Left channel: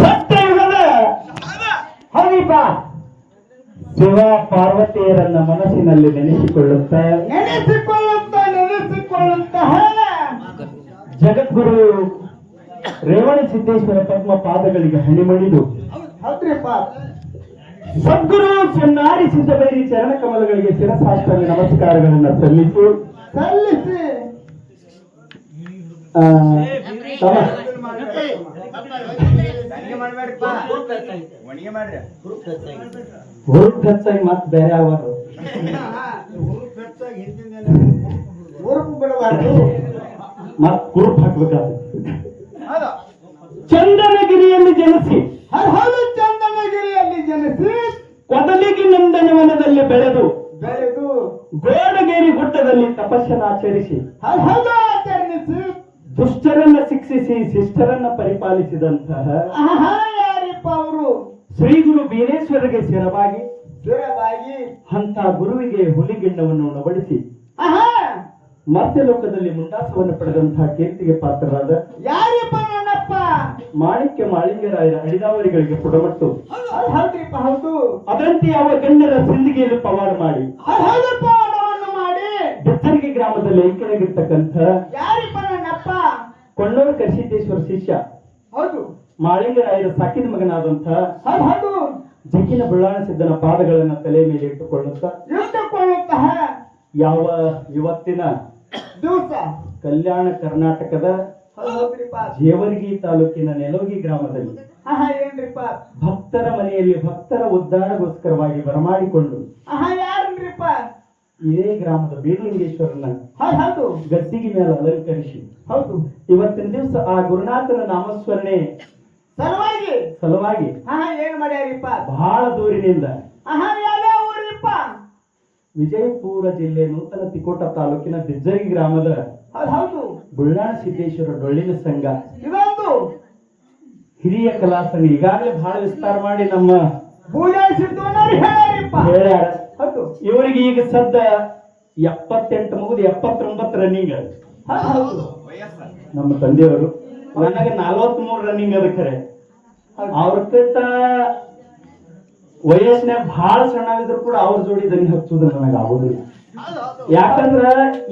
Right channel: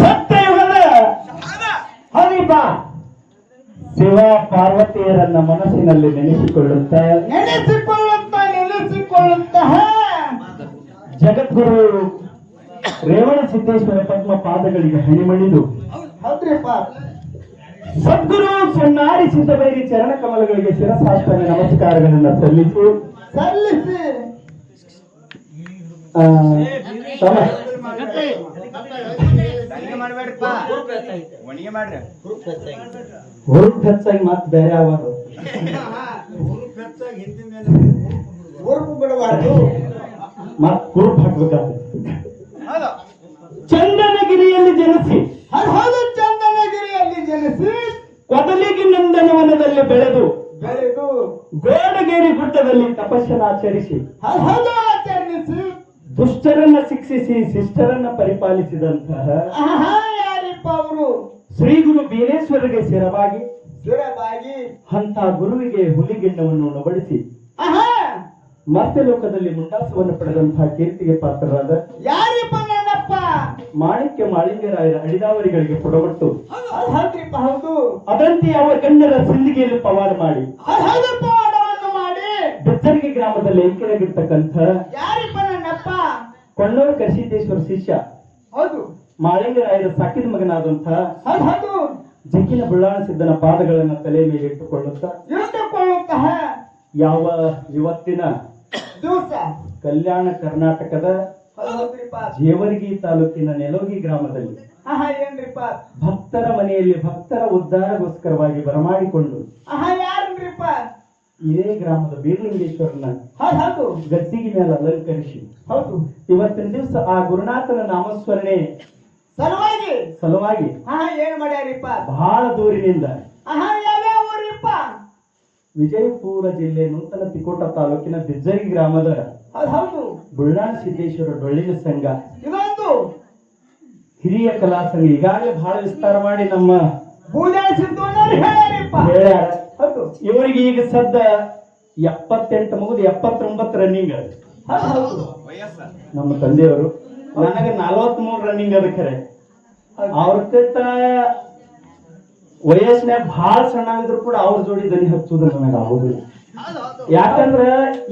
ಸತ್ಯಯುಗದ ಹರಿಬ ಶಿವ ಪಾರ್ವತಿಯರನ್ನ ಮನಸ್ಸಿನಲ್ಲಿ ನೆನೆಸಿಕೊಳ್ಳುತ್ತ. ನೆನೆಸಿಕೊಳ್ಳುತ್ತ ನೆನೆಸಿಕೊಳ್ಳುತ್ತಹ ಜಗದ್ಗುರು ರೇವಣ ಸಿದ್ದೇಶ್ವರ ಪದ್ಮ ಪಾದಗಳಿಗೆ ಹಣಿಮಣಿದು. ಸದ್ಗುರು ಸುನ್ನಾರಿ ಸಿದ್ದಬೇರಿ ಚರಣ ಕಮಲಗಳಿಗೆ ಶಿರಸಾಷ್ಟ್ರ ನಮಸ್ಕಾರಗಳನ್ನ ಸಲ್ಲಿಸಿ. ಸಲ್ಲಿಸಿ. ಹುರುಪ್ ಹೆಚ್ಚಾಗಿ ಮತ್ ಬೇರೆ ಅವರು. ಮತ್ ಕುರುಪ್ ಹಾಕ್ಬೇಕಾಗ್ತದೆ ಚಂದನಗಿರಿಯಲ್ಲಿ ಜನಿಸಿ. ಹೌದು ಚಂದನಗಿರಿಯಲ್ಲಿ ಜನಿಸಿ ಕೊದಲಿಗೆ ನಂದನವನದಲ್ಲಿ ಬೆಳೆದು ಬೆಳೆದು ಗೋಡಗೇರಿ ಗುಡ್ಡದಲ್ಲಿ ತಪಸ್ಸನ್ನು ಹೌದು. ಆಚರಿಸಿ ದುಷ್ಟರನ್ನ ಶಿಕ್ಷಿಸಿ ಶಿಷ್ಟರನ್ನ ಪರಿಪಾಲಿಸಿದಂತಹ ಯಾರಿಪ್ಪ ಅವರು? ಶ್ರೀ ಗುರು ಬೀರೇಶ್ವರಗೆ ಸೇರವಾಗಿ ಸ್ಥಿರವಾಗಿ ಅಂತ ಗುರುವಿಗೆ ಹುಲಿಗಿಣ್ಣವನ್ನು ಉಣಬಡಿಸಿ ಮತ್ತೆ ಲೋಕದಲ್ಲಿ ಮುಂದಾಸವನ್ನು ಪಡೆದಂತಹ ಕೀರ್ತಿಗೆ ಪಾತ್ರರಾದ ಯಾರಿಪ್ಪ ನನ್ನಪ್ಪ ಮಾಣಿಕ್ಯ ಮಾಳಿಂಗರಾಯರ ಅಡಿದಾವರಿಗಳಿಗೆ ಕೊಡಬಟ್ಟು ಹೌದು ಅದಂತೆ ಅವರ ಗಣ್ಯರ ಸಿಂದಿಗೆಯಲ್ಲಿ ಪವಾಡ ಮಾಡಿ. ಮಾಡಿ. ಬೆತ್ತರಿಗೆ ಗ್ರಾಮದಲ್ಲಿ ಐಕ್ಯರಾಗಿರ್ತಕ್ಕಂಥ ಯಾರಿಪ್ಪ ಕೊಂಡೂರು ಕರ್ಷಿತೇಶ್ವರ ಶಿಷ್ಯ. ಹೌದು. ಮಾಳಿಂಗರಾಯರ ಸಾಕಿದ ಮಗನಾದಂತಹ ಹೌದು. ಜಕ್ಕಿನ ಬುಳ್ಳಾಣ ಸಿದ್ದನ ಪಾದಗಳನ್ನ ತಲೆ ಮೇಲೆ ಇಟ್ಟುಕೊಳ್ಳುತ್ತಾ ಯಾವ ಇವತ್ತಿನ ದಿವಸ. ಕಲ್ಯಾಣ ಕರ್ನಾಟಕದ ಜೇವರ್ಗಿ ತಾಲೂಕಿನ ನೆಲೋಗಿ ಗ್ರಾಮದಲ್ಲಿ ಭಕ್ತರ ಮನೆಯಲ್ಲಿ ಭಕ್ತರ ಉದ್ಧಾರಗೋಸ್ಕರವಾಗಿ ಬರಮಾಡಿಕೊಂಡು ಇದೇ ಗ್ರಾಮದ ಬೀರಲಿಂಗೇಶ್ವರನ ಹೌದು ಗದ್ದಿಗೆ ಮೇಲೆ ಅಲಂಕರಿಸಿ. ಹೌದು. ಇವತ್ತಿನ ದಿವಸ ಆ ಗುರುನಾಥನ ನಾಮಸ್ಮರಣೆ ಸಲುವಾಗಿ. ಸಲುವಾಗಿ. ಆಹಾ ಏನ್ ಮಾಡ್ಯಾರಿಪ್ಪ? ಬಹಳ ದೂರಿನಿಂದ. ಆಹಾ ಯಾವ್ಯಾವ ಊರಿಪ್ಪ? ವಿಜಯಪುರ ಜಿಲ್ಲೆ ನೂತನ ತಿಕೋಟ ತಾಲೂಕಿನ ಬಿಜ್ಜರಿ ಗ್ರಾಮದ ಹೌದು ಬುಳ್ಳಾಣ ಸಿದ್ದೇಶ್ವರ ಡೊಳ್ಳಿನ ಸಂಘ. ಇದೊಂದು ಹಿರಿಯ ಕಲಾ ಸಂಘ. ಈಗಾಗಲೇ ಬಹಳ ವಿಸ್ತಾರ ಮಾಡಿ ನಮ್ಮ ಸಿದ್ದಣ್ಣವ್ರು ಹೇಳ್ಯಾರಿಪ್ಪ. ಹೇಳ್ಯಾರ. ಇವರಿಗೆ ಈಗ ಸದ್ದ ಎಪ್ಪತ್ತೆಂಟು ಮುಗಿದು ಎಪ್ಪತ್ತೊಂಬತ್ತು ರನ್ನಿಂಗ್ ನಮ್ಮ ತಂದೆಯವರು. ನನಗೆ ನಲ್ವತ್ ಮೂರು ರನ್ನಿಂಗ್ ಅದ ಖರೆ. ಅವ್ರಕ್ಕಿಂತ ವಯಸ್ಸಿನಾಗ ಬಹಳ ಸಣ್ಣಾಗಿದ್ರು ಕೂಡ ಅವ್ರ ಜೋಡಿ ದನಿ ಹಚ್ಚುದು ನನಗೆ ಆಗುದಿಲ್ಲ. ಯಾಕಂದ್ರ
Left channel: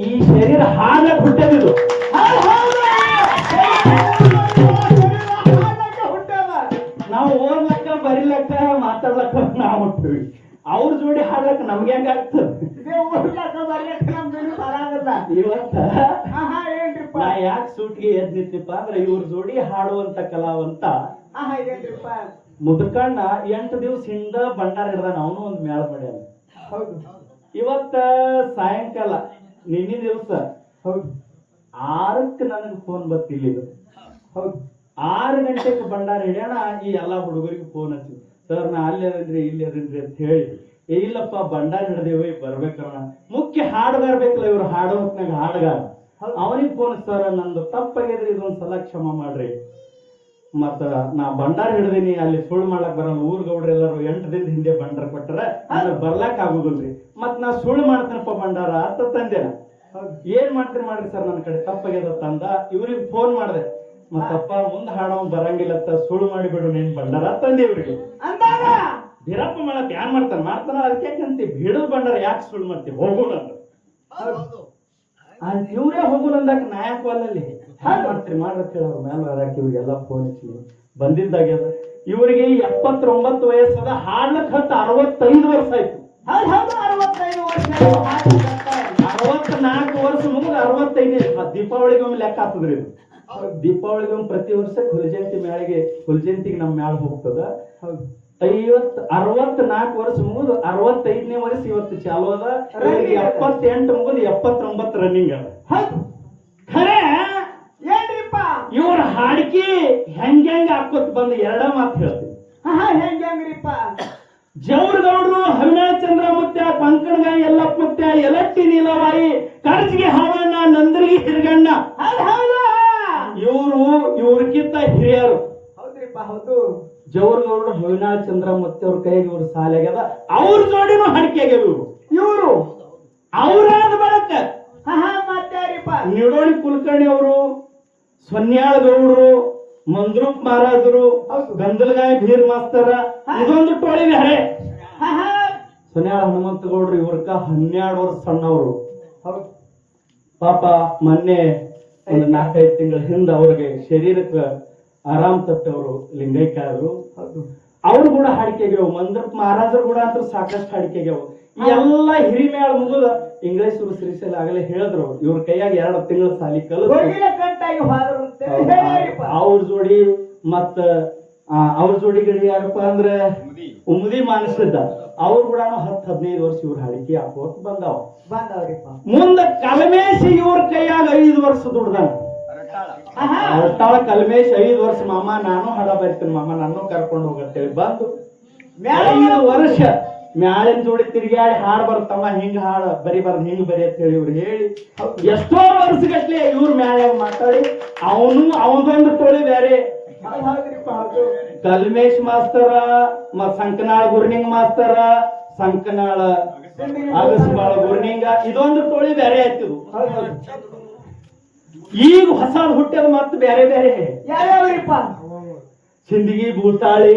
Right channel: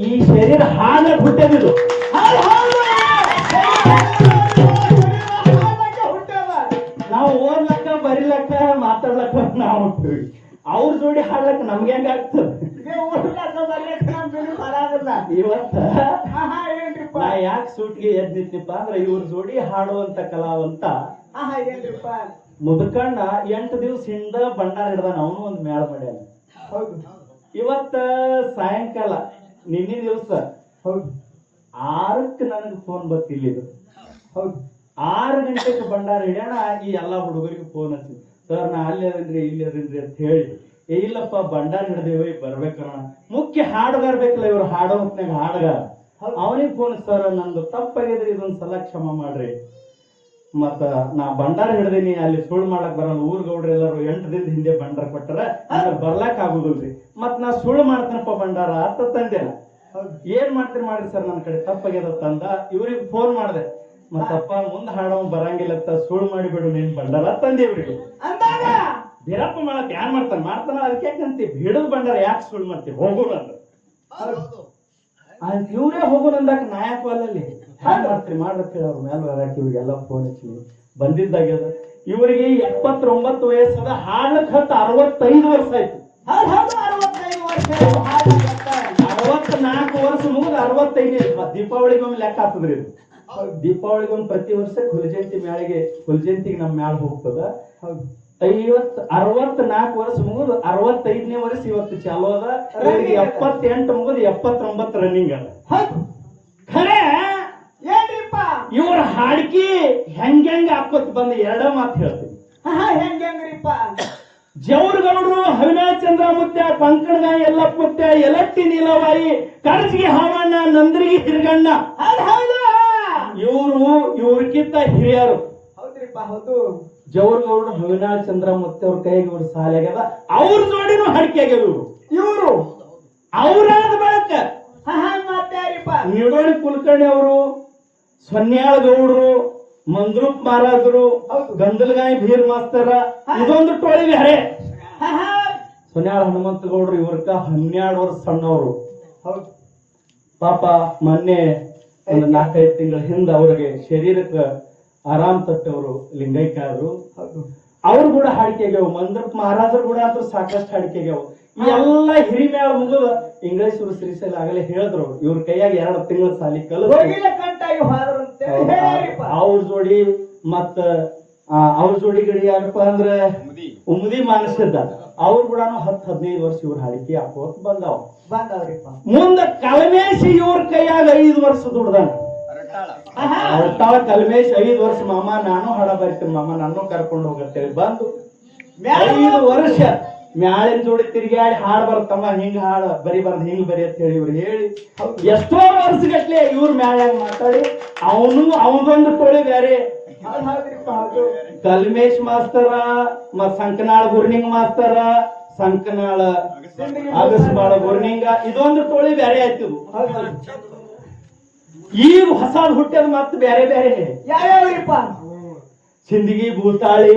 ಈ ಶರೀರ ಹಾನ ಹುಟ್ಟದಿದು ಸೂಟ್ಗೆ ಎದ್ ನಿಂತಿಪ್ಪ ಅಂದ್ರೆ ಇವ್ರ ಜೋಡಿ ಹಾಡುವಂತ ಕಲಾವಂತ. ಮುದುಕಣ್ಣ ಎಂಟು ದಿವಸ ಹಿಂದ ಭಂಡಾರ ಹಿಡ್ದಾನ ಅವನು ಒಂದು ಮೇಳ ಮಾಡ್ಯಾನ. ಇವತ್ತ ಸಾಯಂಕಾಲ ನಿನ್ನೆ ದಿವಸ. ಆರಕ್ಕೆ ನನಗೆ ಫೋನ್ ಬರ್ತಿಲ್ಲ ಹೌದು. ಆರು ಗಂಟೆಗೆ ಬಂಡಾರ ಹಿಡ್ಯಾಣ ಈ ಎಲ್ಲಾ ಹುಡುಗರಿಗೆ ಫೋನ್ ಹಚ್ಚಿ. ಸರ್ ನಾ ಅಲ್ಲಿ ಅದನ್ರಿ ಇಲ್ಲಿ ಅದನ್ರಿ ಅಂತ ಹೇಳಿ. ಏ ಇಲ್ಲಪ್ಪ ಬಂಡಾರ ಹಿಡ್ದೇವ ಬರ್ಬೇಕಣ್ಣ ಮುಖ್ಯ ಹಾಡು ಬರ್ಬೇಕಲ್ಲ ಇವ್ರು ಹಾಡೋ ಹೊತ್ನಾಗ ಹಾಡುಗಾರ. ಅವನಿಗೆ ಫೋನ್ ಸರ್ ನಂದು ತಪ್ಪಾಗಿದ್ರೆ ಇದೊಂದ್ ಸಲ ಕ್ಷಮ ಮಾಡ್ರಿ. ಮತ್ತ ನಾ ಭಂಡಾರ ಹಿಡ್ದೀನಿ ಅಲ್ಲಿ ಸುಳ್ಳು ಮಾಡಕ್ ಬರಲ್ಲ. ಊರ್ ಗೌಡ್ರ ಎಲ್ಲರೂ ಎಂಟು ದಿನದ ಹಿಂದೆ ಭಂಡಾರ ಕೊಟ್ಟರೆ ಅಂದ್ರೆ ಬರ್ಲಾಕ್ ಆಗುದಿಲ್ರಿ. ಮತ್ ನಾ ಸುಳ್ಳು ಮಾಡ್ತೇನಪ್ಪ ಭಂಡಾರ ಅಂತ ತಂದೆ ಏನ್ ಮಾಡ್ತೀರಿ ಮಾಡ್ರಿ ಸರ್ ನನ್ನ ಕಡೆ? ತಪ್ಪಾಗ್ಯದ ತಂದ. ಇವ್ರಿಗೆ ಫೋನ್ ಮಾಡ್ದೆ. ಮತ್ತಪ್ಪ ಮುಂದ್ ಹಾಡೋ ಬರಂಗಿಲ್ಲ ಅಂತ ಸುಳ್ಳು ಮಾಡಿಬಿಡು ನೀನ್ ಬಂಡಾರ ತಂದೆ ಇವ್ರಿಗೆ. ಬೀರಪ್ಪ ಮಾಡಕ್ ಯಾನ್ ಮಾಡ್ತಾನ? ಮಾಡ್ತಾನ ಅದಕ್ಕೆ ಅಂತೀವಿ ಬಿಡದ್ ಬಂಡಾರ ಯಾಕೆ ಸುಳ್ಳು ಮಾಡ್ತೀವಿ ಹೋಗೋಣ ಅಲ್ಲಿ ಇವ್ರೇ ಹೋಗೋಣ ಅಂದಾಗ ನಾಯಕ ಅಲ್ಲಲ್ಲಿ ಹ್ಯಾಂಗ ಮಾಡ್ತೀರಿ ಹೇಳೋರು ಅವ್ರ ಮ್ಯಾಲ ಹಾಕಿ ಇವ್ರಿಗೆಲ್ಲ ಫೋನ್ ಹಚ್ಚಿ. ಬಂದಿದ್ದಾಗ ಇವರಿಗೆ ಎಪ್ಪತ್ತೊಂಬತ್ತು ವಯಸ್ಸದ ಹಾಡ್ಲಕ್ ಹತ್ತು ಅರವತ್ತೈದು ವರ್ಷ ಆಯ್ತು. ಅರವತ್ನಾಲ್ಕು ವರ್ಷ ಮುಗಿದ ಅರವತ್ತೈದು ದೀಪಾವಳಿಗೊಮ್ಮೆ ಲೆಕ್ಕ ಆಗ್ತದ್ರಿ ಇದು. ದೀಪಾವಳಿಗೊಮ್ಮೆ ಪ್ರತಿ ವರ್ಷ ಹುಲಜಯಂತಿ ಮೇಳೆಗೆ ಹುಲಜಯಂತಿಗೆ ನಮ್ಮ ಮೇಳ ಹೋಗ್ತದ. ಐವತ್ ಅರವತ್ನಾಲ್ಕು ವರ್ಷ ಮುಗಿದು ಅರವತ್ತೈದನೇ ವರ್ಷ ಇವತ್ತು ಚಾಲು ಅದ. ಎಪ್ಪತ್ತೆಂಟು ಮುಗಿದು ಎಪ್ಪತ್ತೊಂಬತ್ತು ರನ್ನಿಂಗ್ ಅದ. ಖರೆ ಏನ್ರಿಪ್ಪ? ಇವ್ರ ಹಾಡ್ಕಿ ಹೆಂಗ್ ಹೆಂಗ್ ಹಾಕೋತ್ ಬಂದ ಎರಡ ಮಾತು ಹೇಳ್ತೀನಿ. ಹೆಂಗ್ ಹೆಂಗ್ರಿಪ್ಪ? ಜೌರ್ಗೌಡ್ರು ಅವಿನಾಶ್ ಚಂದ್ರ ಮುತ್ಯ ಪಂಕಣಗಾಯಿ ಯಲ್ಲಪ್ಪ ಮುತ್ಯ ಯಲಟ್ಟಿ ನೀಲವಾಯಿ ಕರ್ಜಿಗೆ ಹಾವಣ್ಣ ನಂದ್ರಿಗೆ ಹಿರಗಣ್ಣ. ಇವರು ಇವ್ರಕ್ಕಿಂತ ಹಿರಿಯರು. ಹೌದ್ರಿಪ್ಪ ಹೌದು. ಜೌರ್ಗೌಡ್ರು ಅವಿನಾಶ್ ಚಂದ್ರ ಮತ್ತೆ ಅವ್ರ ಕೈಗೆ ಅವ್ರ ಸಾಲಾಗ್ಯದ ಅವ್ರ ಜೋಡಿನೂ ಹಡಿಕೆ ಆಗ್ಯಾವ ಇವರು? ಅವ್ರಾದ ಬಳಕ. ನಿಡೋಣಿ ಕುಲಕರ್ಣಿ ಅವರು ಸ್ವನ್ಯಾಳ ಗೌಡರು ಮಂದ್ರೂಪ್ ಮಹಾರಾಜರು ಹೌದು. ಗಂದಲಗಾಯಿ ಭೀರ್ ಮಾಸ್ತರ ಇದೊಂದು ಟೋಳಿ ಬೇರೆ. ಹಾ, ಹಾ. ಸೊನ್ಯಾಳ ಹನುಮಂತ ಗೌಡರು ಇವ್ರಕ್ಕ ಹನ್ನೆರಡು ವರ್ಷ ಸಣ್ಣವರು. ಪಾಪ ಮೊನ್ನೆ ಒಂದು ನಾಲ್ಕೈದು ತಿಂಗಳ ಹಿಂದೆ ಅವ್ರಿಗೆ ಶರೀರಕ್ಕೆ ಆರಾಮ್ ತಟ್ಟವರು ಲಿಂಗೈಕ್ಯ ಅವರು ಅವ್ರು ಕೂಡ ಹಾಡಿಕೆಗ್ಯಾವ ಮಂದ್ರ ಮಹಾರಾಜರು ಕೂಡ ಅಂತ ಸಾಕಷ್ಟು ಹಾಡಿಕೆಗ್ಯಾವ ಈ ಎಲ್ಲ ಹಿರಿಮೇಳ ಮುಗಿದ ಇಂಗ್ಲೇಶ್ವರು ಶ್ರೀಶೈಲ ಆಗಲೇ ಹೇಳಿದ್ರು. ಇವ್ರ ಕೈಯಾಗ ಎರಡು ತಿಂಗಳ ಸಾಲಿ ಕಲ್ಲು ಕಂಟಾಗಿ ಹೋದ್ರು ಅಂತ ಹೇಳ್ಯಾರಿಪ್ಪ ಅವ್ರ ಜೋಡಿ ಮತ್ತ ಆ, ಅವ್ರ ಜೋಡಿ ಗಿಡ ಯಾರಪ್ಪ ಅಂದ್ರ ಉಮದಿ ಮಾನಸಿದ್ದ. ಅವ್ರ ಕೂಡ ಹತ್ತು ಹದಿನೈದು ವರ್ಷ ಇವ್ರ ಹಾಡಿಕೆ ಹಾಕೋತ್ ಬಂದಾವ. ಮುಂದ ಕಲಮೇಶಿ ಇವ್ರ ಕೈಯಾಗ ಐದು ವರ್ಷ ದುಡ್ದಾನ. ಆಹಾ. ಅರ್ತಾಳ ಕಲ್ಮೇಶ್ ಐದು ವರ್ಷ ಮಾಮ ನಾನು ಹಾಡ ಬರಿತೀನಿ ಮಾಮ ನಾನು ಕರ್ಕೊಂಡು ಹೋಗತ್ತೇಳಿ ಬಂದು ಐದು ವರ್ಷ ಮ್ಯಾಳಿನ ಜೋಡಿ ತಿರುಗಾಡಿ ಹಾಡ್ ಬರ್ತಮ್ಮ ಹಿಂಗ ಹಾಡ ಬರಿಬಾರ್ದು ಹಿಂಗ್ ಬರಿ ಅಂತ ಹೇಳಿ ಇವ್ರು ಹೇಳಿ ಎಷ್ಟೋ ವರ್ಷಗಟ್ಲೆ ಇವ್ರ ಮ್ಯಾಲಾಗ ಮಾತಾಡಿ ಅವನು ಅವನದೊಂದು ಟೋಳಿ ಬೇರೆ. ಕಲ್ಮೇಶ್ ಮಾಸ್ತರ ಮತ್ ಸಂಕನಾಳ ಗುರ್ನಿಂಗ್ ಮಾಸ್ತರ ಸಂಕನಾಳ ಅಗಸ್ಬಾಳ ಗುರ್ನಿಂಗ ಇದೊಂದು ಟೋಳಿ ಬೇರೆ ಆಯ್ತು ಹೌದು. ಈಗ ಹೊಸಾದ್ ಹುಟ್ಟೆ ಮತ್ತೆ ಬೇರೆ ಬೇರೆ. ಯಾವ್ಯಾವ್ರಿಪ್ಪ ಸಿಂದಗಿ ಭೂತಾಳಿ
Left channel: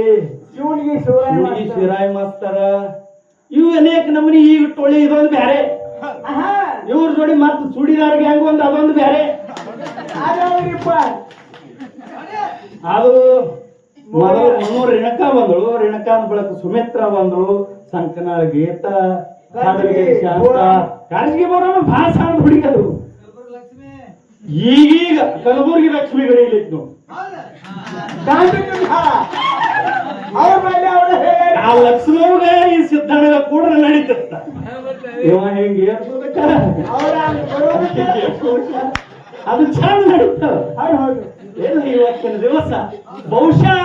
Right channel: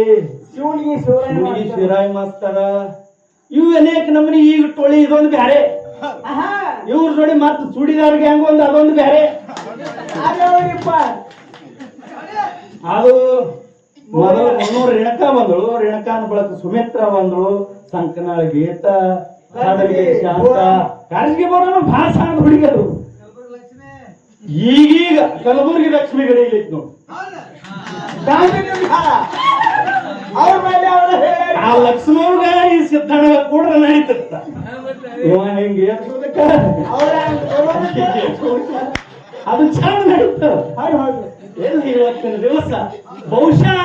ಶಿವನಿಗೆ ಶಿವರಾಯ ಹುಡುಗಿ ಮಾಸ್ತರ. ಶಿರಾಯಿ ಮಾಸ್ತರ. ಇವು ಅನೇಕ ನಮನಿ ಈಗ ಟೋಳಿ ಇದೊಂದು ಬ್ಯಾರೆ. ಇವ್ರ ಜೋಡಿ ಮತ್ತೆ ಚೂಡಿದಾರ್ ಗ್ಯಾಂಗ್ ಒಂದು ಅದೊಂದು ಬ್ಯಾರೆ. ಅದು ಮೊದಲು ಮುನ್ನೂರು ರೇಣಕ ಬಂದಳು ರೇಣುಕಾನ ಬಳಕ ಸುಮಿತ್ರ ಬಂದಳು ಸಂಕನಾಳ ಗೀತ ಕಾಡಲಿಗೆ ಶಾಂತ. ಕಾಳಜಿಗೆ ಬರೋಣ ಭಾಳ ಸಣ್ಣ ಹುಡುಗಿ ಈಗೀಗ ಕಲಬುರಗಿ ಲಕ್ಷ್ಮಿ ಗಡಿ ಇಲ್ಲಿತ್ತು ನೋಡಿ ಗಾಂಧಿಜಿ ಹಾಳ. ಅವ್ರ ಮೇಲೆ ಅವ್ರು ಹೇಳ್ಯಾರ. ಆ ಲಕ್ಷ್ಮವ್ಗ ಈ ಸಿದ್ದಣ್ಣಗ ಕೂಡ ನಡೀತಿತ್ತ ಇವ ಹೆಂಗೆ ಅದು ಚಂದ ನಡೀತ ಇವತ್ತಿನ ದಿವಸ ಬಹುಶಃ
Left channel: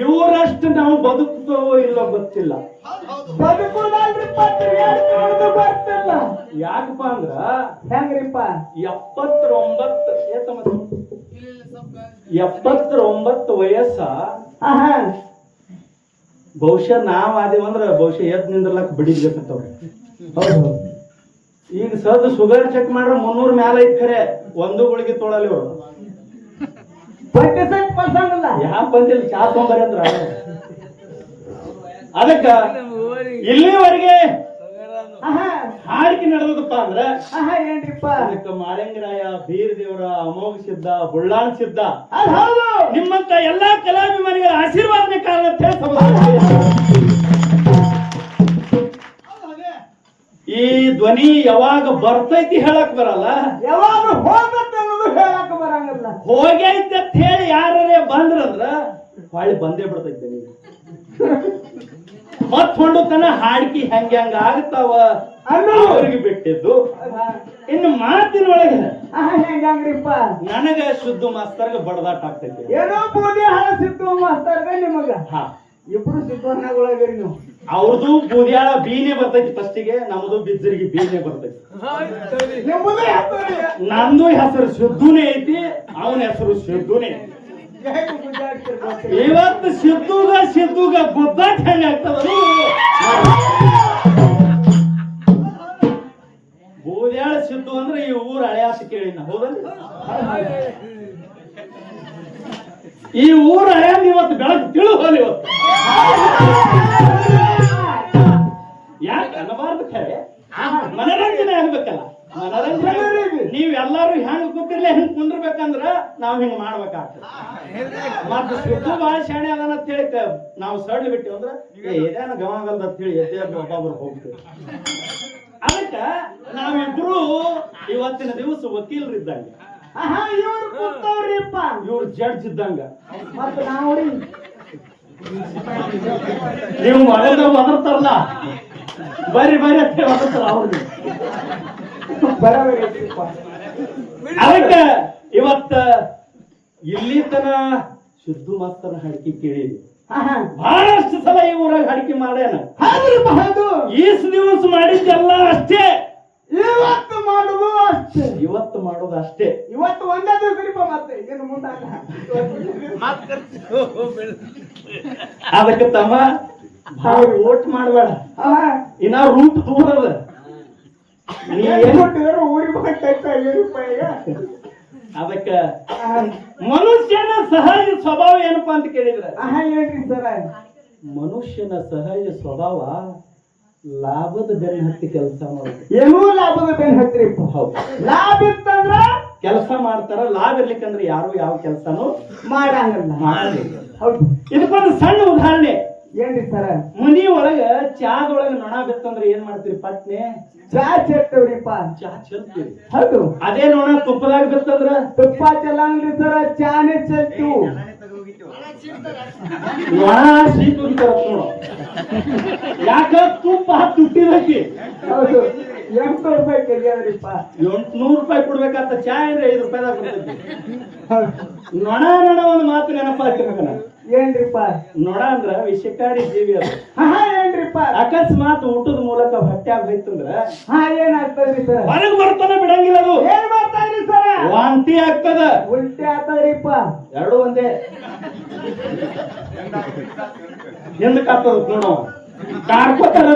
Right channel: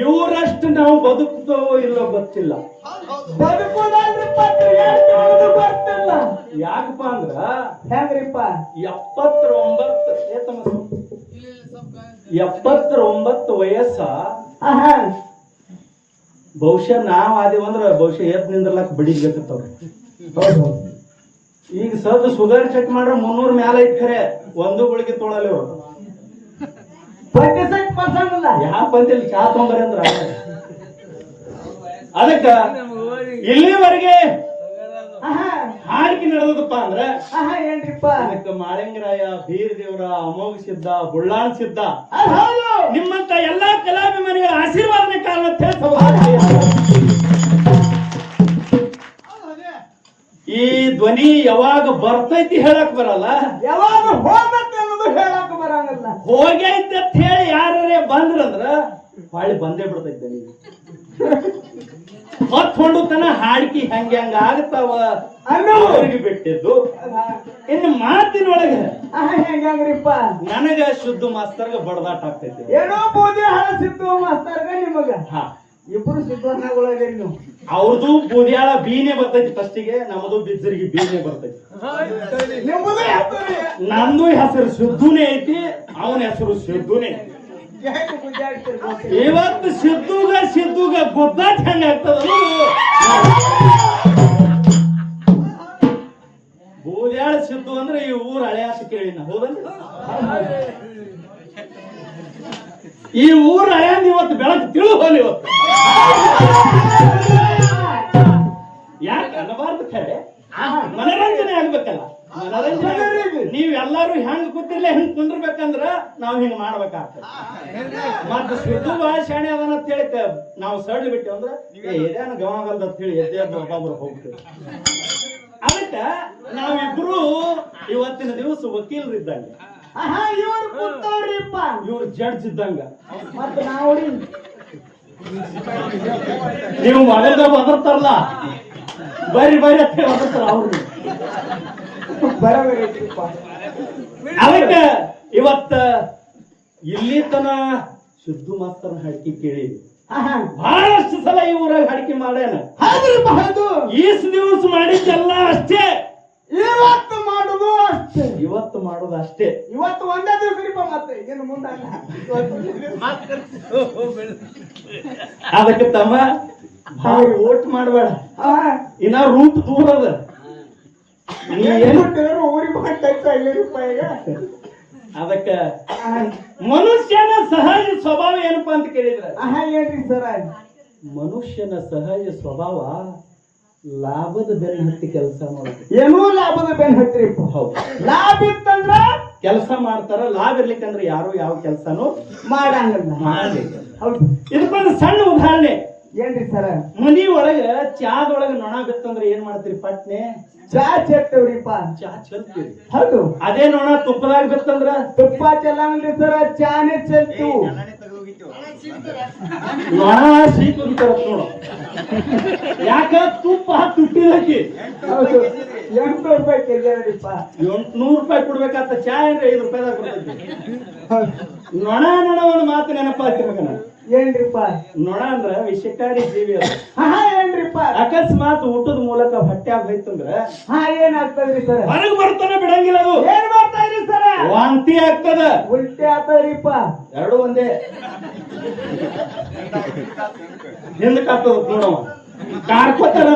ಇವರಷ್ಟು ನಾವು ಬದುಕ್ತವೋ ಇಲ್ಲೋ ಗೊತ್ತಿಲ್ಲ. ಗೊತ್ತಿಲ್ಲ. ಯಾಕಪ್ಪ ಅಂದ್ರ ಹೆಂಗ್ರಿಪ್ಪ? ಎಪ್ಪತ್ತೊಂಬತ್ತು ಎಪ್ಪತ್ತೊಂಬತ್ತು ವಯಸ್ಸ. ಬಹುಶಃ ನಾವ್ ಆದೇವಂದ್ರ ಬಹುಶಃ ಎದ್ ನಿಂದ್ರಲಕ್ ಬಿಡಿಬೇಕತ್ತವ್ರ ಈಗ ಸದ್ ಶುಗರ್ ಚೆಕ್ ಮಾಡ್ರ ಮುನ್ನೂರ್ ಮ್ಯಾಲ ಐತ್ ಖರೆ ಒಂದು ಗುಳಿಗೆ ತೊಳಲಿ ಅವ್ರು. ಬಡ್ಡಿ ಸಹಿತ ಪಲ್ಸಂಗಿಲ್ಲ ಯಾವ ಬಂದಿಲ್ಲ? ಚಾ ತೊಗೊಂಬರಿ ಅಂದ್ರ. ಅದಕ್ಕ ಇಲ್ಲಿವರೆಗೆ ಹಾಡಿಕೆ ನಡೆದದಪ್ಪ ಅಂದ್ರೆ ಅದಕ್ಕ ಮಾಳಿಂಗರಾಯ ಬೀರ್ ದೇವರ ಅಮೋಘ ಸಿದ್ಧ ಬುಳ್ಳಾನ್ ಸಿದ್ಧ. ಹೌದು. ನಿಮ್ಮಂತ ಎಲ್ಲಾ ಕಲಾಭಿಮಾನಿಗಳ ಆಶೀರ್ವಾದನೆ ಕಾರಣ ಅಂತ ಈ ಧ್ವನಿ ಯಾವಾಗ ಬರ್ತೈತಿ ಹೇಳಕ್ ಬರಲ್ಲ? ಯಾವಾಗ ಹೋಗತ್ತೆ ಅನ್ನೋದು ಹೇಳಕ್ ಬರಂಗಿಲ್ಲ ಹೋಗೈತೆ ಅಂತ ಹೇಳಿ ಯಾರೇ ಬಂದ್ರಂದ್ರ ಹೊಳ್ಳಿ ಬಂದೇ ಬಿಡ್ತೈತೆ ನೀವು ಮತ್ ಹೊಂಡು ತನ ಹಾಡ್ಕಿ ಹೆಂಗ ಹೆಂಗ ಆಗ್ತಾವ ಅನ್ನೋರಿಗೆ ಬಿಟ್ಟಿದ್ದು. ಇನ್ನು ಮಾತಿನೊಳಗೆ ನನಗ ಶುದ್ಧ ಮಾಸ್ತರ್ಗ ಬಡದಾಟ ಆಗ್ತೈತಿ. ಏನೋ ಬೂದಿ ಹಳಸಿತ್ತು ಮಾಸ್ತರ್ಗ ನಿಮಗ. ಇಬ್ರು ನೀವು. ಅವ್ರದ್ದು ಬೂದಿಯಾಳ ಬೀನೆ ಬರ್ತೈತಿ ಫಸ್ಟಿಗೆ ನಮ್ದು ಬಿದ್ದರಿಗೆ ಬೀನೆ ಬರ್ತೈತಿ. ನಂದು ಹೆಸರು ಸಿದ್ದುನೇ ಐತಿ, ಅವನ ಹೆಸರು ಪೂಜೆ ಇವತ್ತು ಸಿದ್ದುಗ ಸಿದ್ದುಗ ಗುದ್ದಾಟ ಹೆಂಗ ಬೂದ್ಯಾಳ ಸಿದ್ದು ಅಂದ್ರೆ ಈ ಊರ ಅಳೆಯಾಸ ಕೇಳಿನ ಹೌದಲ್ಲ ಈ ಊರ ಅಳೆಯನ್ ಇವತ್ತು ಬೆಳಕು ತಿಳು ಹೋಲಿ ಇವತ್ತು. ಯಾಕೆ ಅನ್ನಬಾರ್ದು ಖರೆ? ಮನರಂಜನೆ ಆಗ್ಬೇಕಲ್ಲ. ಮನರಂಜನೆ. ನೀವ್ ಎಲ್ಲಾರು ಹೆಂಗ್ ಕೂತಿರ್ಲಿ ಹೆಂಗ್ ಕುಂದ್ರಬೇಕಂದ್ರ ನಾವ್ ಹಿಂಗ್ ಮಾಡ್ಬೇಕಾಗ್ತದೆ. ಮತ್ತ ಶುದ್ಧ ಭಾಷಣೆ ಅದನ್ನ ಹೇಳಿ ನಾವು ಸಡ್ಲ್ ಬಿಟ್ಟಿವಿ ಅಂದ್ರ ಏನ ಇದೇನ ಗಮನಗಲ್ದ ಅಂತ ಹೇಳಿ ಎದ್ದೆ ಒಬ್ಬೊಬ್ರು ಹೋಗ್ತೀವಿ ಅದಕ್ಕ ನಾವಿಬ್ರು ಇವತ್ತಿನ ದಿವಸ ವಕೀಲರಿದ್ದಂಗ. ಇವ್ರು ಕೂತವ್ರಿಪ್ಪ. ಇವ್ರು ಜಡ್ಜ್ ಇದ್ದಂಗ. ಮತ್ತೆ ನಾವು ನೀವು ಮಗದ ಒದರ್ತಾರಲ್ಲ ಬರ್ರಿ ಬರ್ರಿ ಅಂತ ಹೇಳಿ ಒದರ್ತಾರ ಅವ್ರು. ಅದಕ್ಕ ಇವತ್ತ ಇಲ್ಲಿ ತನ ಶುದ್ಧ ಮಾತ್ರ ಹಾಡಿಕೆ ಕೇಳಿ ಬಹಳಷ್ಟು ಸಲ ಈ ಊರಾಗ ಹಾಡಿಕೆ ಮಾಡ್ಯಾನ. ಈಸ್ ದಿವಸ ಮಾಡಿದ್ದೆಲ್ಲ ಅಷ್ಟೇ. ಇವತ್ತು ಮಾಡುದು ಅಷ್ಟೇ. ಇವತ್ತು ಮಾಡೋದು ಅಷ್ಟೇ. ಇವತ್ತು ಒಂದೇ ದಿವಸ ಮತ್ತೆ ಇನ್ನು ಮುಂದೆ ಅದಕ್ಕೆ ತಮ್ಮ ಭಾಳ ಓಟ್ ಮಾಡಬೇಡ. ಇನ್ನ ರೂಪ ದೂರ ಅದ ಅದಕ್ಕ ಮನುಷ್ಯನ ಸಹಜ ಸ್ವಭಾವ ಏನಪ್ಪಾ ಅಂತ ಕೇಳಿದ್ರ? ಏನ್ರಿ ಸರ. ಮನುಷ್ಯನ ಸಹಜ ಸ್ವಭಾವ ಲಾಭದ ಬೆನ್ನ ಹತ್ತಿ ಕೆಲಸ ಮಾಡೋದು. ಏನೂ ಲಾಭದ ಬೆನ್ ಹತ್ತಿ ಹೌದು. ಲಾಭ ಇತ್ತಂದ್ರ ಕೆಲಸ ಮಾಡ್ತಾರ ಲಾಭ ಇರ್ಲಿಕ್ಕಂದ್ರೆ ಯಾರು ಯಾವ ಕೆಲಸನೂ ಮಾಡಂಗ ಮಾಡಂಗಿಲ್ಲ ಹೌದು. ಇದಕ್ಕೊಂದು ಸಣ್ಣ ಉದಾಹರಣೆ. ಏನ್ರಿ ಸರ ಮನಿ ಒಳಗ ಚಾದೊಳಗ ನೊಣ ಬಿತ್ತಂದ್ರೆ ಏನ್ ಮಾಡ್ತೀರಿ ಪಟ್ನೆ? ಚಾ ಚೆತ್ತವ್ರಿಪ್ಪ. ಚಾ ಚೆಲ್ತೀರಿ ಹೌದು. ಅದೇ ನೊಣ ತುಪ್ಪದಾಗ ಬಿತ್ತಂದ್ರ? ತುಪ್ಪ ಚೆಲ್ಲಂಗ್ರಿ ಸರ ಚಾನೆ ಚೆಲ್ತು ನೊಣ ನೋಡು. ಯಾಕ ತುಪ್ಪ ತುಟ್ಟಿದಕ್ಕೆ? ಹೌದು. ಎಂಟು ರೂಪಾಯಿ ತೆಗಿಯದ್ರಿಪ್ಪ. ಎಂಟ್ನೂರು ರೂಪಾಯಿ ಕೊಡ್ಬೇಕಂತ ಚಾ ಏನ್ರಿ ಐದು ರೂಪಾಯಿದಾಗ ಕೊಡ್ತೈತಿ. ನೊಣ ನೊಣ ಒಂದು ಮಾತು ನೆನಪಾಗ್ತಿರ್ಬೇಕು ಹಾಕಿರ್ಬೇಕನ ಏನ್ರಿಪ್ಪ? ನೋಡ ಅಂದ್ರ ವಿಷಕಾರಿ ಜೀವಿ ಅದು. ಹಾ ಏನ್ರಿಪ್ಪ? ಅಕಸ್ಮಾತ್ ಊಟದ ಮೂಲಕ ಹೊಟ್ಟ್ಯಾಗ ಹೋಯ್ತಂದ್ರ ಹಾ ಏನಾಗ್ತದ್ರಿ ಸರ್? ಹೊರಗ್ ಬರ್ತಾನೆ ಬಿಡಂಗಿಲ್ಲ ಅದು. ಏನ್ ಮಾಡ್ತಾರ್ರಿ ಸರ್? ವಾಂತಿ ಆಗ್ತದ. ಉಲ್ಟಿ ಆಗ್ತದ್ರಿಪ್ಪ. ಎರಡು ಒಂದೇ. ಹಿಂದಕ್ಕೆ ಆಗ್ತದ ನೋಡು. ಕಾರ್ಕೋತಾರ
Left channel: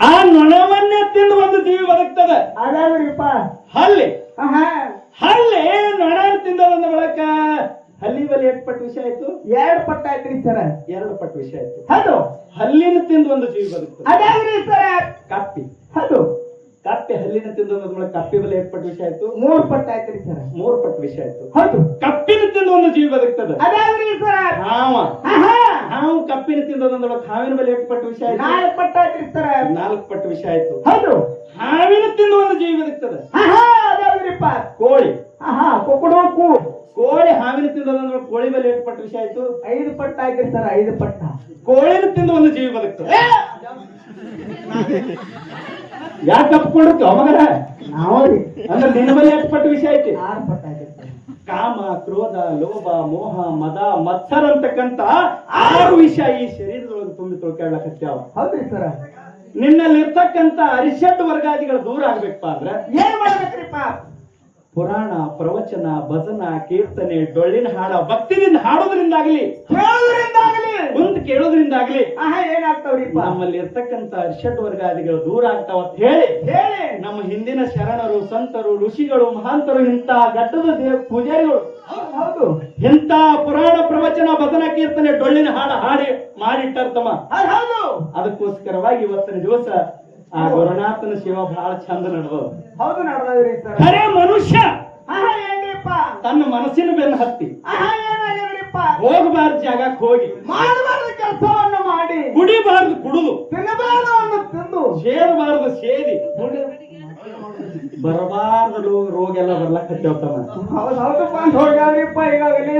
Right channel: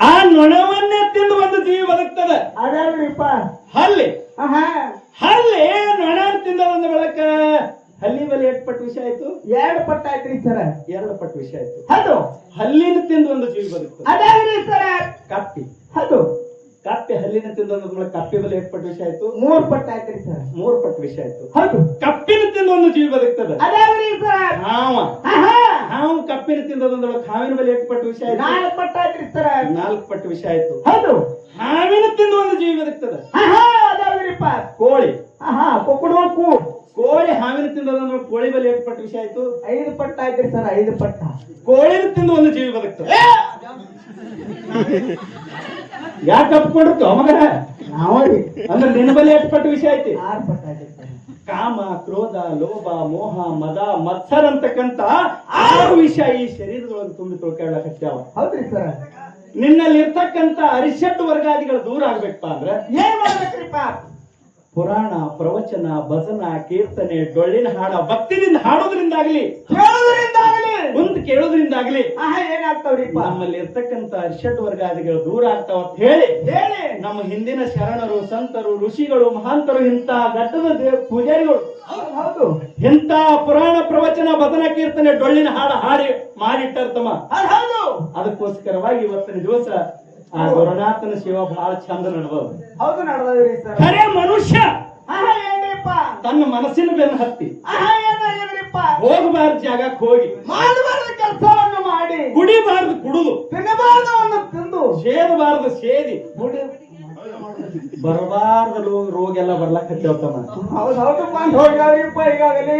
ಆ ನೊಣವನ್ನೇ ತಿಂದು ಒಂದು ಜೀವಿ ಬದುಕ್ತದ. ಅದ್ಯಾವ್ರಿಪ್ಪ ಹಲ್ಲಿ. ಹಲ್ಲಿ ನೊಣ ತಿಂದದಂದ ಬಳಕ ಹಲ್ಲಿ ಬಲಿ ಎಷ್ಟು ಪಟ್ಟು ವಿಷಯ ಆಯ್ತು. ಎರಡು ಪಟ್ಟು ಆಯ್ತ್ರಿ ಸರ. ಎರಡು ಪಟ್ಟು ವಿಷಯ ಆಯ್ತು. ಹೌದು. ಹಲ್ಲಿನ ತಿಂದು ಒಂದು ಜೀವಿ ಬದುಕು ಅದ್ಯಾವ್ರಿ ಸರ. ಕಪ್ಪಿ. ಹೌದು. ಕಪ್ಪೆ ಹಲ್ಲಿನ ತಿಂದು ಒಂದು ಕಪ್ಪಿ ಬಲಿ ಎಷ್ಟು ಪಟ್ಟು ವಿಷಯ ಆಯ್ತು. ಮೂರು ಪಟ್ಟು ಆಯ್ತ್ರಿ ಸರ. ಮೂರು ಪಟ್ಟು ವಿಷಯ ಆಯ್ತು. ಹೌದು. ಕಪ್ಪಿನ ತಿಂದು ಒಂದು ಜೀವಿ ಬದುಕ್ತದೆ. ಅದಾದ್ರಿ ಸರ. ಹಾವ. ಹಾವು ಕಪ್ಪಿನ ತಿಂದದಂದ್ರೆ ಹಾವಿನ ಮೇಲೆ ಎಷ್ಟು ಪಟ್ಟು ವಿಷಯ ಆಯ್ತು. ನಾಲ್ಕು ಪಟ್ಟು ಆಯ್ತ್ರಿ ಸರ. ನಾಲ್ಕು ಪಟ್ಟು ವಿಷಯ ಆಯ್ತು. ಹೌದು. ಹಾವಿನ ತಿಂದು ಒಂದು ಜೀವಿ ಬದುಕ್ತದೆ ಆಹಾ ಅದ್ಯಾವ್ರಿಪ್ಪ ಕೋಳಿ ಆಹಾ ಕೊಕ್ಕಡೋಕು ಕೋಳಿ ಹಾವಿನ ಮೇಲೆ ಎಷ್ಟು ಪಟ್ಟು ವಿಷಯ ಆಯ್ತು. ಐದು ಪಟ್ಟ ಆಯ್ತ್ರಿ ಸರ್ ಐದು ಪಟ್ಟ. ಕೋಳಿನ ತಿಂದು ಒಂದು ಜೀವಿ ಬದುಕ್ತು. ಯಾಕೆ ಕಪ್ಕೊಂಡಿರ್ತು ಅವಾಗ ನಾವ್ರಿ ಅಂದ್ರೆ ನಿನ್ನ ಮೇಲೆ ಎಷ್ಟು ಪಟ್ಟ ವಿಷಯ ಐತಿ. ಆರು ಪಟ್ಟ ಆಯ್ತು ಕಾಮ ಕ್ರೋಧ ಲೋಭ ಮೋಹ ಮದ ಮತ್ಸರ ಅಂತಕ್ಕಂತ ಆರು ವಿಷಯ ಈ ಶರೀರದೊಳಗೆ ತುಂಬಿ ತೊಳ್ಕೊಳ್ಳಕತ್ಯಾವ ಹೌದ್ರಿ ಸರ್. ನಿನ್ನಲ್ಲಿ ಇರ್ತಕ್ಕಂತ ಅರಿಷಡ್ ವರ್ಗಾದಿಗಳು ದೂರ ಆಗ್ಬೇಕಪ್ಪ ಅಂದ್ರೆ. ಏನ್ ಮಾಡ್ಬೇಕ್ರಿಪ್ಪ? ಪುರಾಣ ಪ್ರವಚನ ಭಜನ ಕೀರ್ತನೆ ಡೊಳ್ಳಿನ ಹಾಡ ಭಕ್ತಿದಿಂದ ಹಾಡೋದ್ರಿಂದಾಗ್ಲಿ ಹೇಳೋದ್ರಿಂದಾಗಲಿ ಕುಂತ್ ಕೇಳೋದ್ರಿಂದಾಗ್ಲಿ ಆಹಾ ಏನಾಗ್ತಾವ್ರಿ ನಮ್ಮಲ್ಲಿ ಇರ್ತಕ್ಕಂತ ಅರಿಷಡ್ ವರ್ಗಾದಿಗಳು ದೂರ ಆಗ್ತಾವ ಅಂತ ಹೇಳಿ ಹೇಳಿ. ನಮ್ಮ ಹಿಂದಿನ ಶರಣರು ಸಂತರು ಋಷಿಗಳು ಮಹಾಂತರು ಇಂಥ ಘಟ್ಟದ ಪೂಜಾರಿಗಳು. ಹೌದು ಪುರಾಣ ಪ್ರವಚನ ಭಜನ ಕೀರ್ತನೆ ಡೊಳ್ಳಿನ ಹಾಡ ಹಾಡಿ ಮಾಡಿಟ್ಟಾರ ತಮ್ಮ. ಅದಕ್ಕೋಸ್ಕರವಾಗಿ ಇವತ್ತಿನ ದಿವಸ ಆ ಗುರುನಾಥನ ಸೇವಾ ಬಹಳ ಚಂದ ನಡ್ಬೋದು ಹೌದು ನಡೆದವ್ರಿ ಸರ್. ಖರೆ ಮನುಷ್ಯ. ಆಹಾ ಏನ್ರಿಪ್ಪ? ತನ್ನ ಮನಸ್ಸಿನ ಬೆನ್ನ ಹತ್ತಿ. ಆಹಾ ಏನಾಗ್ಯದ್ರಿಪ್ಪ ಹೋಗಬಾರ್ದು ಜಾಗಕ್ಕೆ ಹೋಗಿ. ಮಾಡಬಾರ್ದು ಕೆಲಸವನ್ನು ಮಾಡಿ. ಕುಡಿಬಾರ್ದು ಕುಡುದು. ತಿನ್ನಬಾರ್ದವನ್ನ ತಿಂದು. ಸೇದಬಾರ್ದು ಸೇದಿ. ಬರಬಾರ್ದ ರೋಗ ಎಲ್ಲ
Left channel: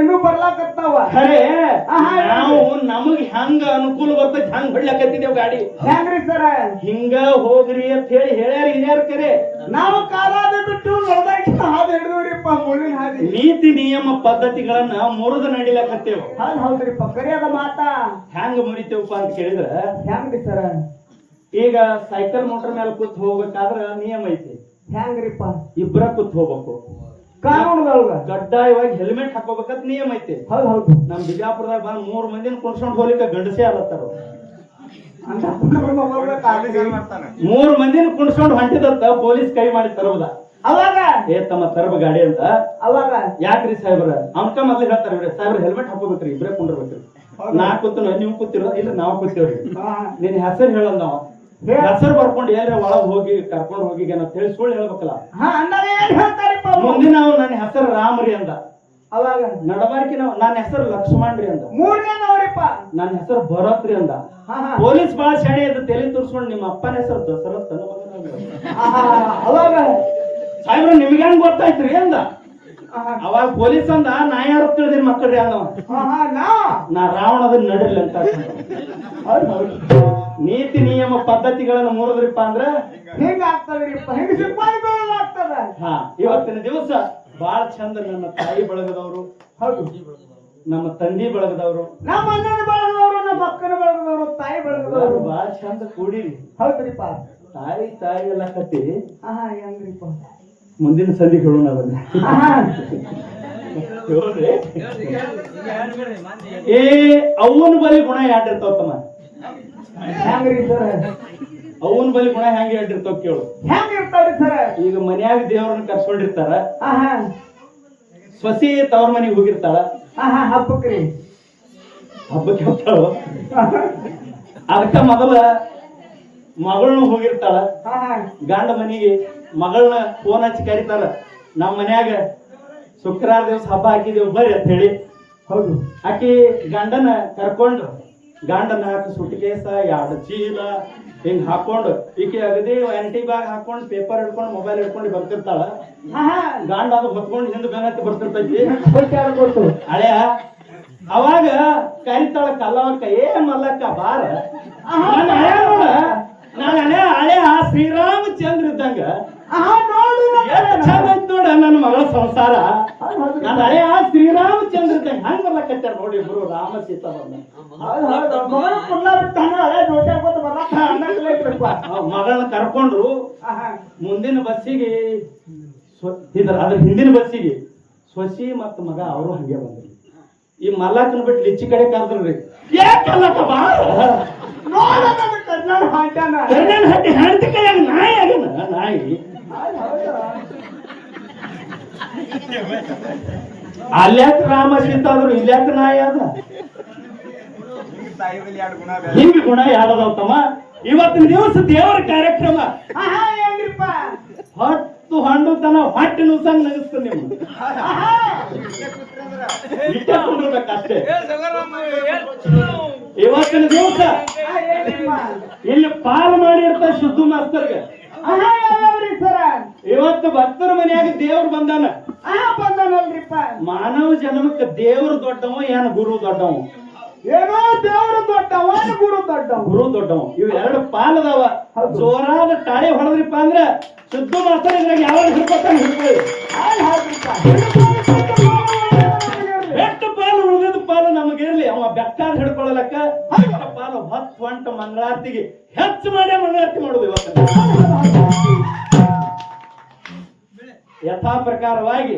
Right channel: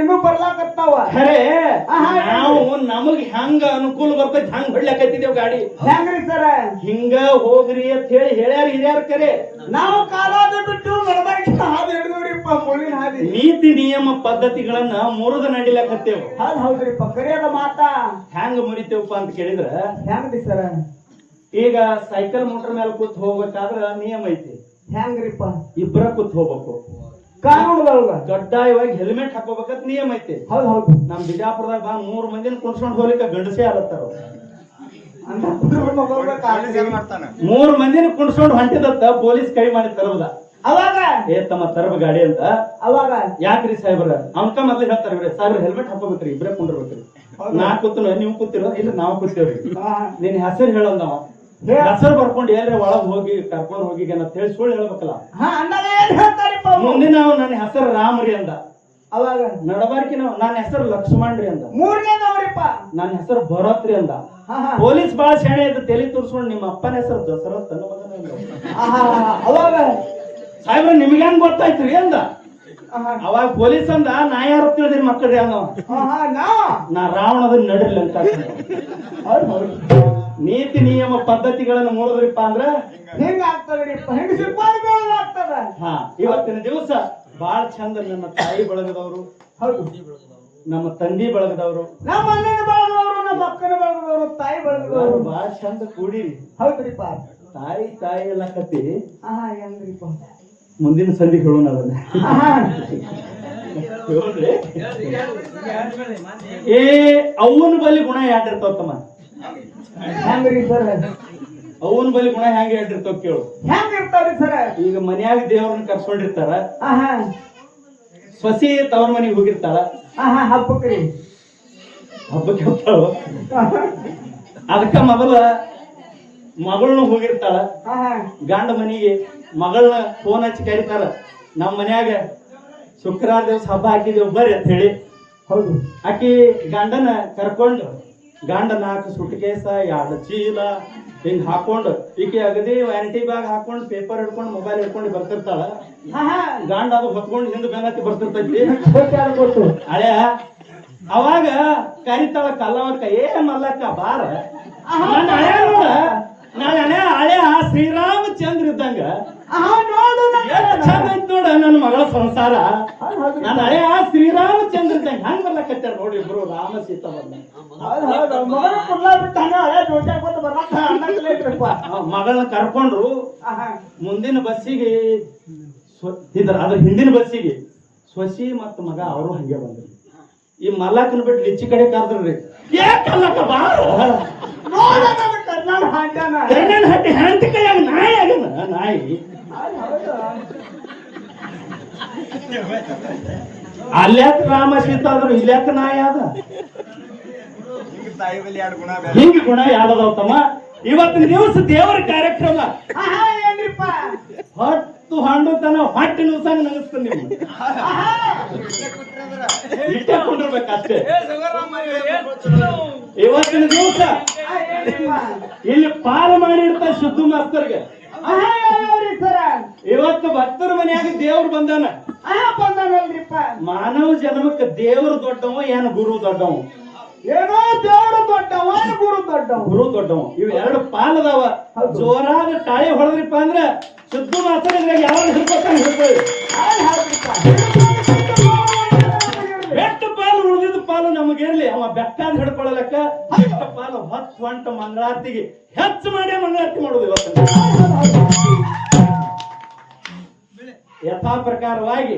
ಇನ್ನೂ ಬರ್ಲಾಕತ್ತಾವ. ಖರೆ ನಾವು ನಮಗ್ ಹೆಂಗ ಅನುಕೂಲ ಬರ್ತೈತಿ ಹಂಗ ಹೊಡ್ಲಾಕತ್ತಿದ್ದೇವ್ ಗಾಡಿ. ಹೆಂಗ್ರಿ ಸರ? ಹಿಂಗ ಹೋಗ್ರಿ ಅಂತ ಹೇಳಿ ಹೇಳ್ಯಾರಿ ಹಿರಿಯರ್ ಕರೆ. ನಾವು ಕಾಲಾದ ಬಿಟ್ಟು ನಡಬಾರ್ದು ಹಾದಿ ಹಿಡಿದವ್ರಿಪ್ಪ ಮುಳ್ಳಿನ ಹಾದಿ. ನೀತಿ ನಿಯಮ ಪದ್ಧತಿಗಳನ್ನ ಮುರಿದು ನಡಿಲಾಕತ್ತೇವ್ರಿ ಹೌದು ಹೌದ್ರಿಪ್ಪ ಕರಿಯದ ಮಾತಾ. ಹೆಂಗ ಮುರಿತೇವಪ್ಪ ಅಂತ ಕೇಳಿದ್ರ? ಹೆಂಗ್ರಿ ಸರ? ಈಗ ಸೈಕಲ್ ಮೋಟರ್ ಮೇಲೆ ಕೂತ್ ಹೋಗ್ಬೇಕಾದ್ರ ನಿಯಮ ಐತಿ. ಹೆಂಗ್ರಿಪ್ಪ ಇಬ್ಬರ ಕೂತ್ ಹೋಗ್ಬೇಕು. ಕಾನೂನದೊಳಗ ಕಡ್ಡಾಯವಾಗಿ ಹೆಲ್ಮೆಟ್ ಹಾಕೋಬೇಕಂತ ನಿಯಮ ಐತಿ. ಹೌದು ಹೌದು. ನಮ್ ಬಿಜಾಪುರದಾಗ ಬಾ ಮೂರ್ ಮಂದಿನ ಕುಣ್ಸ್ಕೊಂಡ್ ಹೋಗ್ಲಿಕ್ಕೆ ಗಂಡಸೇ ಅಲತ್ತಾರ. ಮೂರ್ ಮಂದಿನ ಕುಣ್ಸ್ಕೊಂಡ್ ಹೊಂಟಿದತ್ತ ಪೊಲೀಸ್ ಕೈ ಮಾಡಿ ತರಬದ. ಅವಾಗ? ಏ ತಮ್ಮ ತರಬ ಗಾಡಿ ಅಂತ. ಅವಾಗ? ಯಾಕ್ರಿ ಸಾಹೇಬ್ರ? ಅವನ್ಕ ಮೊದ್ಲು ಹೇಳ್ತಾರ ಸಾಹೇಬ್ರ ಹೆಲ್ಮೆಟ್ ಹಾಕೋಬೇಕ್ರಿ ಇಬ್ರೇ ಕುಂಡಿರ್ಬೇಕ್ರಿ. ನಾ ಕೂತು ನೀವು ಕೂತಿರೋ ಇಲ್ಲ ನಾವು ಕೂತೀವ್ರಿ. ನಿನ್ ಹೆಸರು ಹೇಳಲ್ಲ ಹೇಳ. ಹೆಸರು ಬರ್ಕೊಂಡು ಏನ್ರ ಒಳಗ್ ಹೋಗಿ ಕರ್ಕೊಂಡು ಹೋಗಿ ಅಂತ ಹೇಳಿ ಸುಳ್ಳು ಹೇಳ್ಬೇಕಲ್ಲ? ಮುಂದಿನ ನನ್ನ ಹೆಸರು ರಾಮ್ರಿ ಅಂದ. ಅವಾಗ? ನಡಬಾರ್ಕಿ ನಾವು ನನ್ನ ಹೆಸರು ಲಕ್ಷ್ಮಣ್ರಿ ಅಂದ. ಮೂರನೇದವ್ರಿಪ್ಪ ನನ್ನ ಹೆಸರು ಭರತ್ರಿ ಅಂದ. ಪೊಲೀಸ್ ಬಾಳ ಶಾಣೆ ಅದು ತಲೆ ತೋರಿಸ್ಕೊಂಡು ನಿಮ್ಮ ಅಪ್ಪನ ಹೆಸರು ದಸರತ್ ಅವಾಗ? ಸಾಹೇಬ್ರ ನಿಮ್ಗೆ ಹೆಂಗ್ ಗೊತ್ತಾಯ್ತ್ರಿ ಅಂದ? ಅವಾಗ ಪೊಲೀಸ್ ಅಂದ ನಾ ಯಾರು ತಿಳಿದ್ರಿ ಮಕ್ಕಳ್ರಿ ಅನ್ನೋ ನಾ? ರಾವಣದ ನಡ್ರಿ ಅಂತ. ನೀತಿ ನಿಯಮ ಪದ್ಧತಿಗಳನ್ನ ಮುರಿದ್ರಿಪ್ಪ ಅಂದ್ರ ಹೆಂಗ ಆಗ್ತದ್ರಿಪ್ಪ ಹೆಂಗ ಸಿಪಾಯಿಗಳು ಆಗ್ತದ ಹಾ ಇವತ್ತಿನ ದಿವಸ ಬಾಳ ಚಂದ ನನ್ನ ತಾಯಿ ಬಳಗದವರು. ನಮ್ಮ ತಂದಿ ಬಳಗದವರು. ನಮ್ಮ ಅಣ್ಣನ ಬಳಗದವರು ನಮ್ಮ ಅಕ್ಕನ ಬಳಗದವರು ತಾಯಿ ಬಳಗದವರು. ಬಾಳ ಚಂದ ಕೂಡಿರಿ. ಹೌದ್ರಿಪ್ಪ. ತಾಯಿ ತಾಯಿ ಎಲ್ಲ ಕತ್ತಿ. ಮುಂದಿನ ಸಂಧಿ ಹೇಳೋಣ ಅದನ್ನ? ಏ ಅವನ ಬಲಿ ಗುಣ ಯಾಟಿರ್ತಾವ ತಮ್ಮ ಸರ್? ಅವನ ಬಲಿ ಗುಣ ಹೆಂಗ ಹೇಳಿರ್ತಾವ ಕೇಳು. ಹೆಂಗ್ ಇರ್ತಾವ್ರಿ ಸರ? ಈಗ ಮನ್ಯಾಗ ದೇವ್ರನ್ನ ಕರ್ಸ್ಕೊಂಡಿರ್ತಾರ. ಸೊಸಿ ತವ್ರ ಮನೆಗೆ ಹೋಗಿರ್ತಾಳ. ಹಾ ಹಾ ಹಬ್ಬಕ್ರಿ. ಹಬ್ಬಕ್ಕೆ ಹೋಗ್ತಾಳ? ಅದಕ್ಕ ಮೊದಲ ಮಗಳನ್ನ ಹೋಗಿರ್ತಾಳ. ಗಂಡ ಮನೆಗೆ ಮಗಳನ್ನ ಫೋನ್ ಹಚ್ಚಿ ಕರೀತಾರ. ನಮ್ಮ ಮನ್ಯಾಗ ಶುಕ್ರವಾರ ದಿವಸ ಹಬ್ಬ ಹಾಕಿದೇವು ಬರ್ರಿ ಅಂತ ಹೇಳಿ. ಹೌದು. ಆಕಿ ಗಂಡನ ಕರ್ಕೊಂಡು ಗಂಡ ನಾಲ್ಕು ಸುಟ್ಕೇಸ ಎರಡು ಚೀಲ. ಹಿಂಗ್ ಹಾಕೊಂಡು ಈಕೆ ಅಗದಿ ಎಂಟಿ ಬ್ಯಾಗ್ ಹಾಕೊಂಡು ಪೇಪರ್ ಹಿಡ್ಕೊಂಡು ಮೊಬೈಲ್ ಹಿಡ್ಕೊಂಡು ಬರ್ತಿರ್ತಾಳ. ಗಂಡ ಅದು ಹೊತ್ಕೊಂಡು ಹಿಂದೆ ಬೆನ್ನತ್ತಿ ಬರ್ತಿರ್ತೈತಿ. ಹಳೆಯ ಅವಾಗ ಕರಿತಾಳ ಕಲ್ಲವಕ್ಕ ಏ ಮಲ್ಲಕ್ಕ ಬಾರ. ನಾನು ಹಳೆ ನೋಡ ಹಳೆ ಶ್ರೀರಾಮಚಂದ್ರ ಇದ್ದಂಗ. ನೋಡ ನನ್ನ ಮಗಳ ಸಂಸಾರ ನನ್ನ ಹಳೆ ಶ್ರೀರಾಮಚಂದ್ರ ಇದ್ದಂಗ ಹಂಗ ಬರ್ಲಕತ್ತಾರ ನೋಡಿ ಇಬ್ರು ರಾಮ ಸೀತಾ ಬಂದ ಹೌದು ಹೌದು ಮಗನ ಕುಲ್ಲ ಬಿಟ್ಟಾನ ಹಳೆ ನೋಡಿ ಗುರು ರಾಮ ಸೀತಾವನ್ನ ಮಗಳನ್ನ ಕರ್ಕೊಂಡ್ರು. ಆಹಾ ಮುಂದಿನ ಬಸ್ಸಿಗೆ ಇದ್ರ ಅದ್ರ ಹಿಂದಿನ ಬಸ್ಸಿಗೆ ಸೊಸಿ ಮತ್ತು ಮಗ ಅವರು ಹಂಗೆ ಬಂದ್ರು. ಈ ಮಲ್ಲಕ್ಕನ ಬಿಟ್ಟು ಲಿಚ್ಚಿ ಕಡೆ ಕರೆದ್ರಿ ಯಾಕಲ್ಲಕ್ಕ ಬಾ. ಹಟ್ಟಿ ಹೆಂಡತಿ ಕೈಯಾಗ ನಾಯಿ ನಾಯಿ. ಅಲ್ಯಾಕ ರಾಮ ಸೀತಾ ಆದ್ರು ಇಲ್ಯಾಕ ನಾಯ ಅದ? ಹಿಂಗ ಗುಣ ಯಾಡದವ್ ತಮ್ಮ ಇವತ್ತಿನ ದಿವಸ ದೇವರ ಕಾರ್ಯಕ್ರಮ. ಹತ್ತು ಹಣ್ಣು ತನ ಹೊಟ್ಟೆ ನುಸಂಗ್ ನಗಸ್ತ ನೀವು ಇವತ್ತಿನ ದಿವಸ ಇಲ್ಲಿ ಪಾಲು ಮಾಡಿರ್ತ ಶುದ್ಧ ಮಾಸ್ತರ್ಗೆ. ಇವತ್ತು ಭಕ್ತರ ಮನೆಯಾಗ ದೇವ್ರು ಬಂದಾನ. ಬಂದಾನಲ್ರಿಪ್ಪ. ಮಾನವ ಜನ್ಮಕ್ಕೆ ದೇವ್ರು ದೊಡ್ಡವ ಏನ ಗುರು ದೊಡ್ಡವ? ಏನೋ ದೇವ್ರು ದೊಡ್ಡವ ಗುರು ದೊಡ್ಡವ? ಗುರು ದೊಡ್ಡವ. ಇವ್ ಎರಡು ಪಾಲದವ ಜೋರಾದ ತಾಳಿ ಹೊಡೆದ್ರಿಪ್ಪ ಅಂದ್ರೆ ಶುದ್ಧ ಮಾಡ್ತಾರೆ ಇದ್ರಾಗ ಯಾವಾಗ ಹಿಡ್ಕೊತಾನೆ ಹಿಡ್ಕೊಳ್ಳಿ. ಪಾಲು ನಮಗಿರ್ಲಿ ಅವ ಬೆಕ್ಕಾದ ಹಿಡ್ಕೊಳ್ಳಲಕ್ಕ ಬೆಟ್ಟ ಪಾಲು ಹತ್ತು ಹೊಂಟ ಮಂಗಳಾರತಿಗೆ. ಹೆಚ್ಚು ಮಾಡೇ ಮಂಗಳಾರತಿ ಮಾಡುದು ಇವತ್ತು. ಯಥಾ ಪ್ರಕಾರವಾಗಿ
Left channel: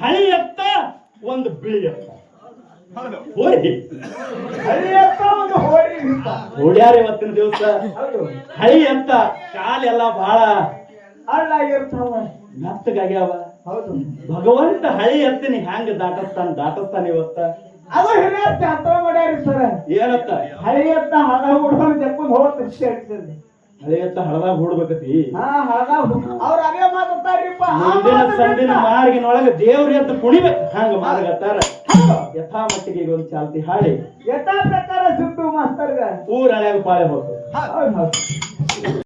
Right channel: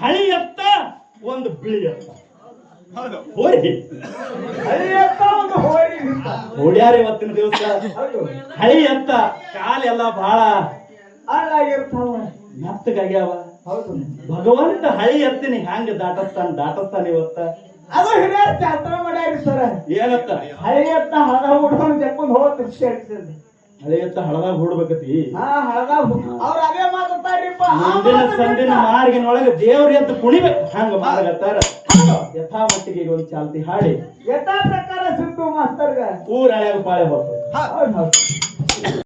ಹಳಿ ಎತ್ತ ಒಂದು ಬಿಳಿ ಎತ್ತ. ಹೋರಿ. ಎತ್ತ ಒಂದು ಇವತ್ತಿನ ದಿವಸ. ಹಳಿ ಎತ್ತ. ಕಾಲೆಲ್ಲ ಬಹಳ ಹಾಳಾಗಿರ್ತಾವ ಮೆತ್ತಗಾಗ್ಯಾವ. ಭಗವಂತ ಹಳಿ ಎತ್ತಿನಿ ಹ್ಯಾಂಗ ದಾಟಸ್ತಾನ ದಾಟಸ್ತಾನ ಇವತ್ತ? ಅದು ಹಿರಿಯರ್ ಶಾಸ್ತ್ರ ಮಾಡ್ಯಾರಿ ಸರ. ಏನತ್ತ? ಹಳಿ ಎತ್ತ ಹದ ಹುಡ್ಕೊಂಡು ಜಪ್ಪನ್ ಹೋಗ ದೃಷ್ಟಿ ಆಗ್ತದೆ ಹಳಿ ಎತ್ತ ಹಳದಾಗ ಹೂಡ್ಬೇಕತಿ? ಅವ್ರ ಅದೇ ಮಾತಾಡ್ತಾರ್ರಿಪ್ಪ. ಮುಂದಿನ ಸಂದಿನ ಮಾರ್ಗಿನೊಳಗೆ ದೇವ್ರ ಅಂತ ಕುಣಿಬೇಕು. ಹಂಗ ಮಾರ್ಗತ್ತಾರ ಯಥಾ ಮಟ್ಟಿಗೆ ಈಗ ಒಂದು ಚಾಲ್ತಿ ಹಾಡಿ. ಯಥಾ ಪ್ರಕಾರ ಸಿದ್ದು ಮಾಸ್ತರ್ಗ. ಊರ ಹಳ್ಯಾಗ ಪಾಳೆ ಹೋಗ್ತದೆ